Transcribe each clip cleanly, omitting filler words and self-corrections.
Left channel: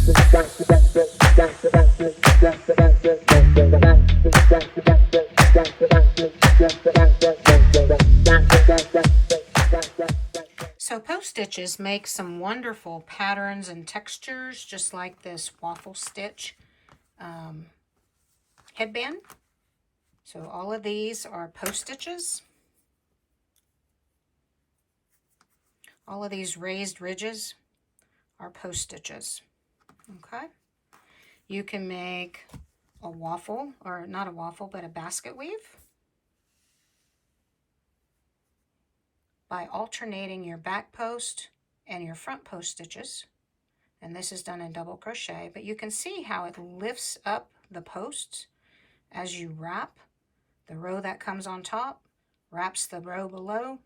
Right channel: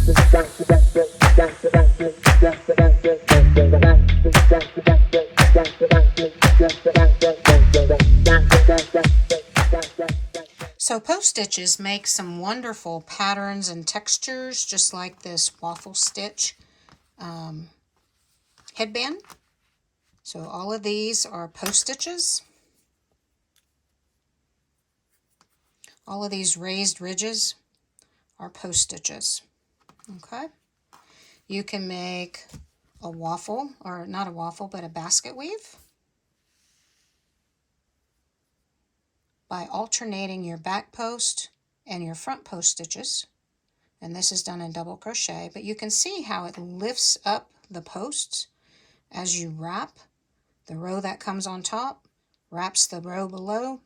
So post stitches make some wonderful patterns and textures, just like this waffle stitch headband. So all of these are post stitches. All of these raised ridges are post stitches. Okay. You can make a waffle, or not a waffle, but a basket weave by alternating your back post and your front post stitches. And this is done in double crochet, but you can see how it lifts up the posts as you wrap. The row that comes on top wraps the row below,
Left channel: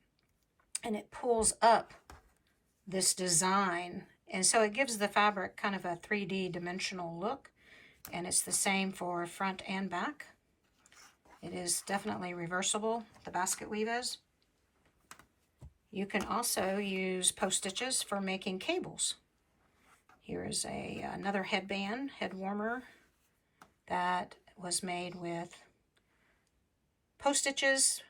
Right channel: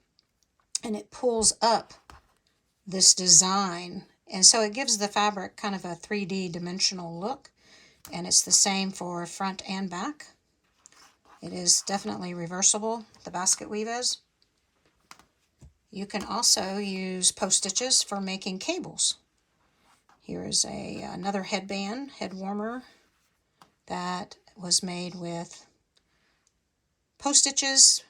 and it pulls up this design. And so it gives the fabric kind of a 3D dimensional look, and it's the same for front and back. It is definitely reversible, the basket weave is. You can also use post stitches for making cables. Here is another headband, head warmer, that was made with post stitches.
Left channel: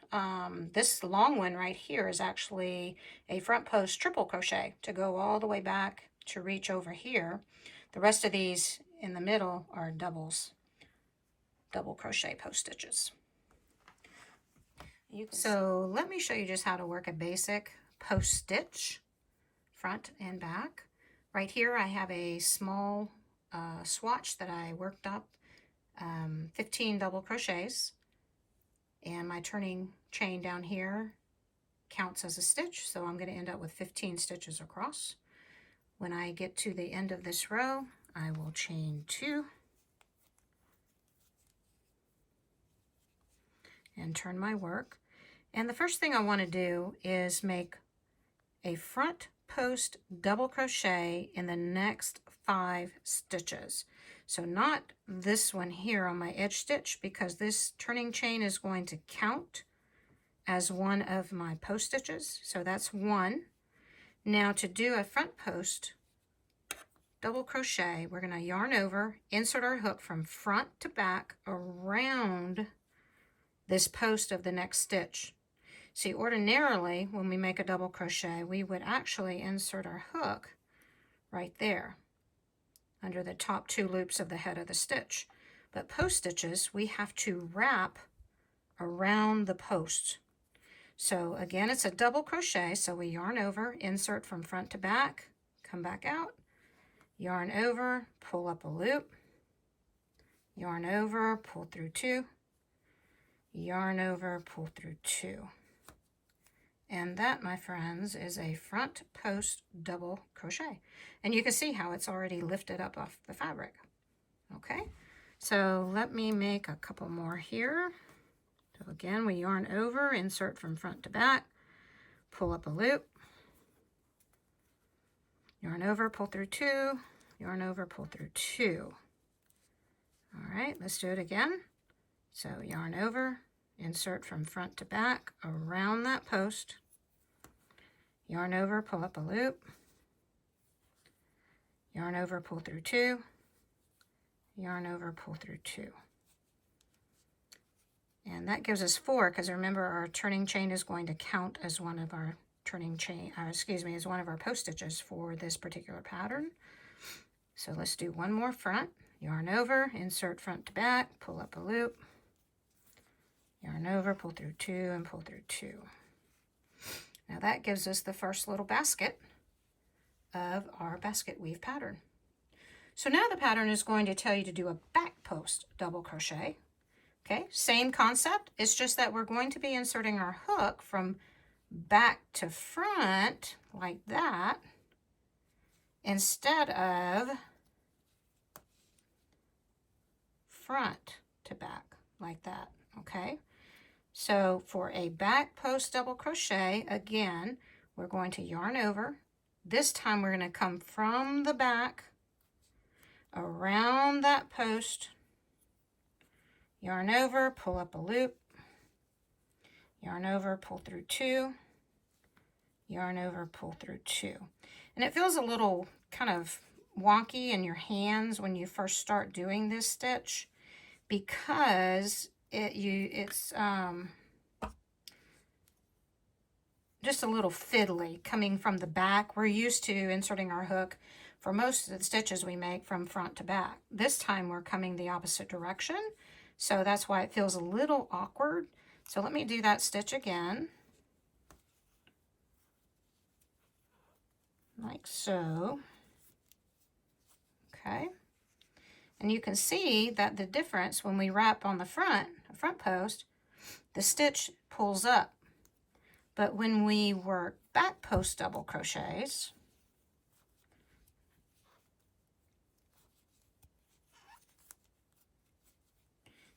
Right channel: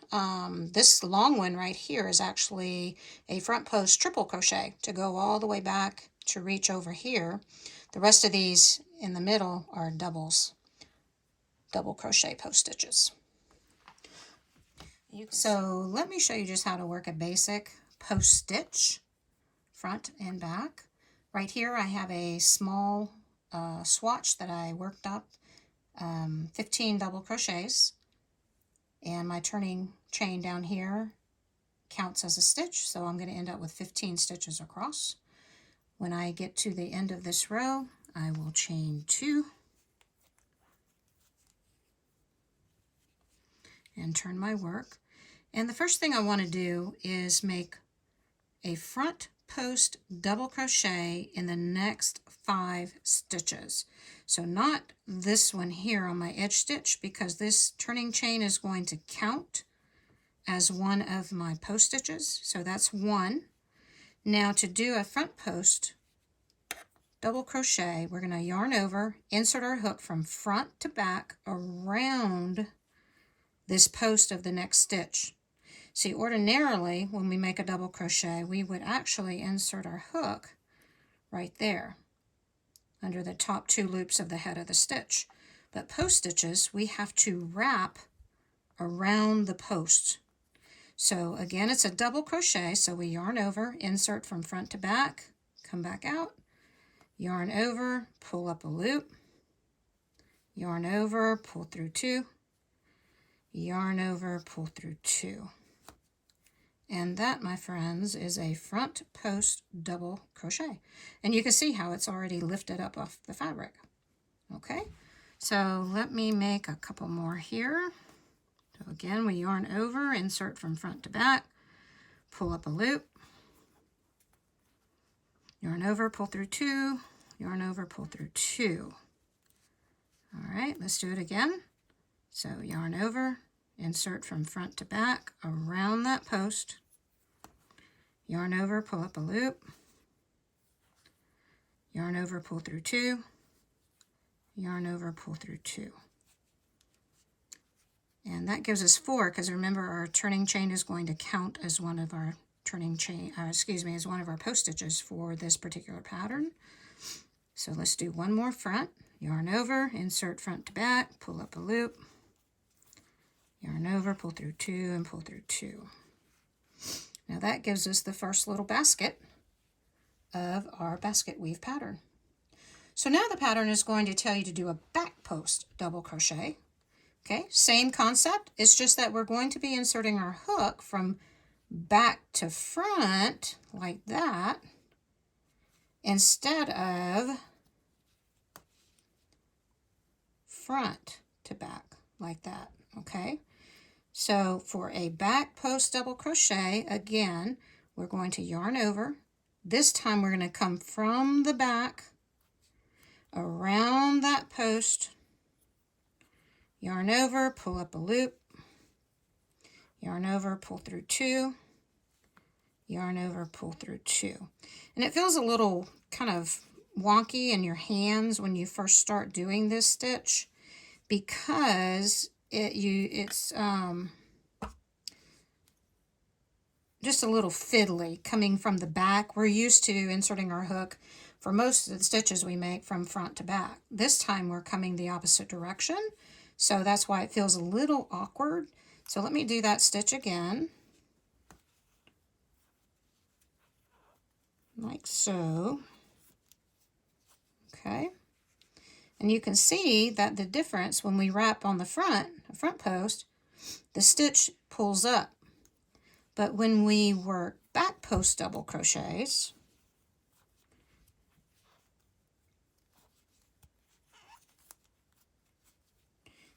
This long one right here is actually a front post triple crochet to go all the way back to reach over here. The rest of these in the middle are double crochet post stitches. So let me show you just how to work a basic post stitch, front and back. Right here I have a small swatch that I worked up, 15 double crochets, and my turning chain down here counts as a stitch, so I'm going to end up with 15 stitches across. When I get to the end of this row, I will chain 2 and turn my work. And the first thing I want to do is make a front post double crochet in the next 5 stitches. So not this one here on my edge stitch, because this turning chain is going to count as one of my post stitches. So that's 1. Now to do a front post double crochet, we're going to yarn over, insert our hook from front to back around this post of the next stitch. See, ordinarily, when we make a double crochet, we would actually insert our hook right there under the top 2 loops of the head of the stitch. But post stitches, we have to wrap around the post. So again, it's a double crochet, so we yarn over, insert from front to back, come back out, yarn over, pull up a loop, yarn over, pull through 2, yarn over, pull through 2. And that, my friends, is a front post double crochet. And you can see how it's already lifted up off the fabric. Okay, so let me make a couple more here. So again, we yarn over, insert from front to back, pull up a loop, yarn over, pull through 2, yarn over, pull through 2. All right, let's do it again. So yarn over, insert from front to back around that post, yarn over, pull up a loop, yarn over, pull through 2, yarn over, pull through 2. And that gives us 4, because remember our turning chain is going to count as one of our as one of our post stitches for this particular pattern. So let's do one more front, yarn over, insert front to back, pull up a loop, yarn over, pull through 2, and pull through 2. Now that gives us the first little basket of our basket weave pattern. So now the pattern is going to tell you to do a back post double crochet. Okay, same concept. It's just that we're going to be inserting our hook from back to front like that instead of front to back like that. Okay, so for a back post double crochet, again, we're going to yarn over. This time we're going to come from the back around that post, yarn over, pull up a loop, yarn over, pull through 2, yarn over, pull through 2. And it feels a little kind of wonky in your hands when you first start doing this stitch because it's just a little fiddly coming from the back. We're used to inserting our hook for most of the stitches we make from front to back. This time we're coming the opposite direction, so that's why it feels a little awkward. So let me do that stitch again, like so. Okay, and you can see that the difference when we wrap on the front post, the stitch pulls up. But when we work back post double crochets,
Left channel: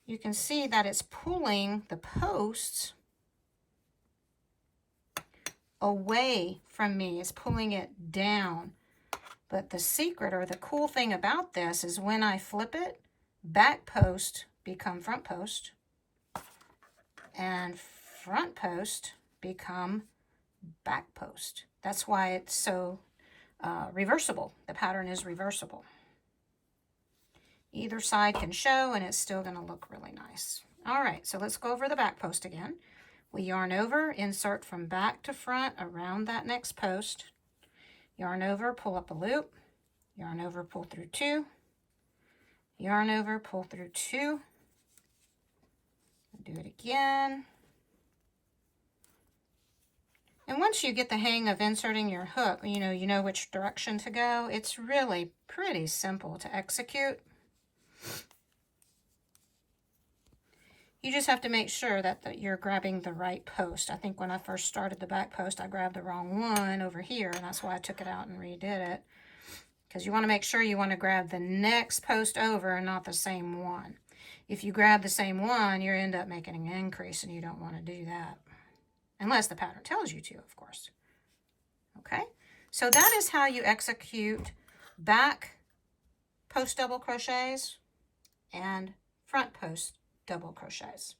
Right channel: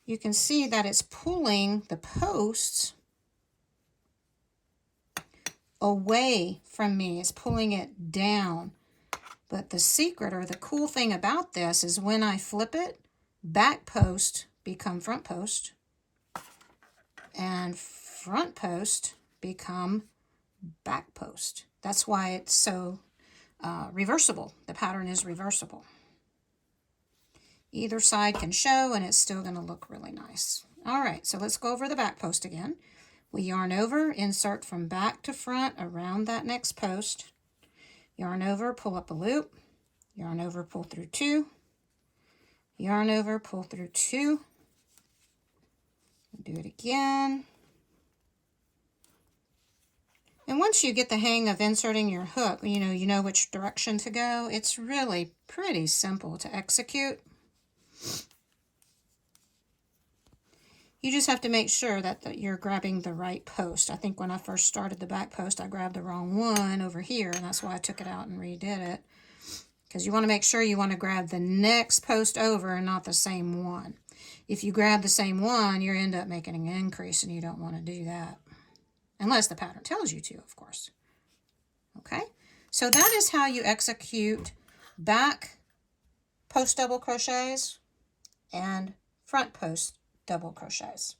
you can see that it's pulling the posts away from me. It's pulling it down. But the secret, or the cool thing about this, is when I flip it, back post become front post, and front post become back post. That's why it's so reversible. The pattern is reversible. Either side can show, and it's still going to look really nice. All right, so let's go over the back post again. We yarn over, insert from back to front around that next post. Yarn over, pull up a loop. Yarn over, pull through 2. Yarn over, pull through 2. Do it again. And once you get the hang of inserting your hook, you know which direction to go. It's really pretty simple to execute. You just have to make sure that you're grabbing the right post. I think when I first started the back post, I grabbed the wrong one over here, and that's why I took it out and redid it. Because you want to make sure you want to grab the next post over and not the same one. If you grab the same one, you end up making an increase, and you don't want to do that. Unless the pattern tells you to, of course. Okay, so that is how you execute back post double crochets and front post double crochets.